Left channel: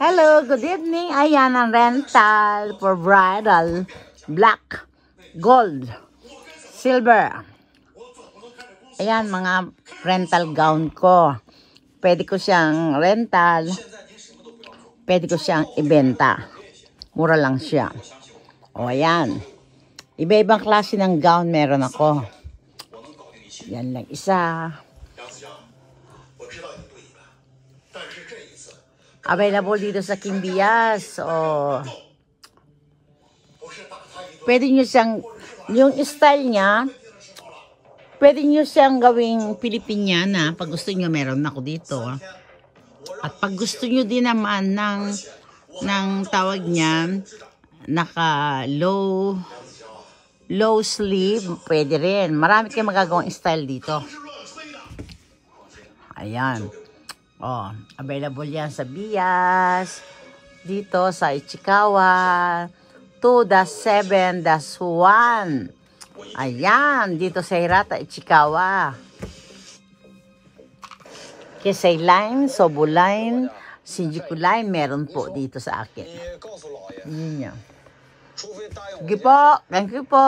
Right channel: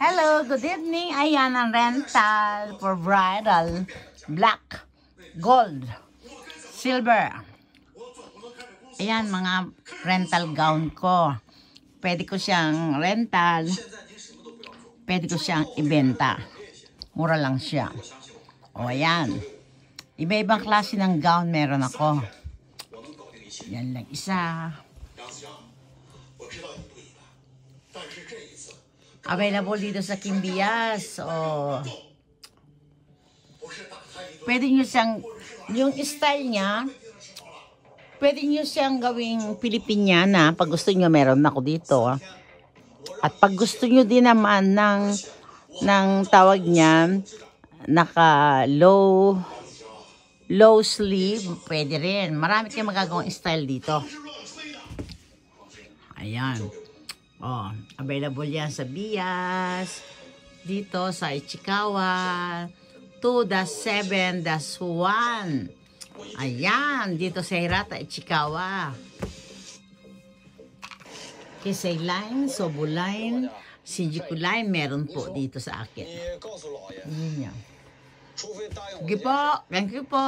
Hello, good evening. Ayan ang rental for bridal. Black, gold, silver. Ayan mga rental gown ko. Pwede ko siyang rental. Pwede ko siyang ibenta. Mura lang siya. O ayan. Iba-ibang klase ng gown meron ako. Yan lang isa. Available dito sa Kimbias. O pwede nyo siyang, yung style niya, pwede nyo siyang gawing Pilipiniana. Pag gusto nyo, meron ako dito. At pag gusto nyo din naman ng tawag niya, naka low sleeve, pwede rin. Marami kayong magagawang style dito. Ayan. Oh, available yan sa Bias, dito sa Ichikawa, 2-7-1. Ayan, dito sa Hirata, Ichikawa. Kisay Line, Sobo Line, Shinjuku Line, meron po dito sa akin. Yun yan. Sige po, thank you po.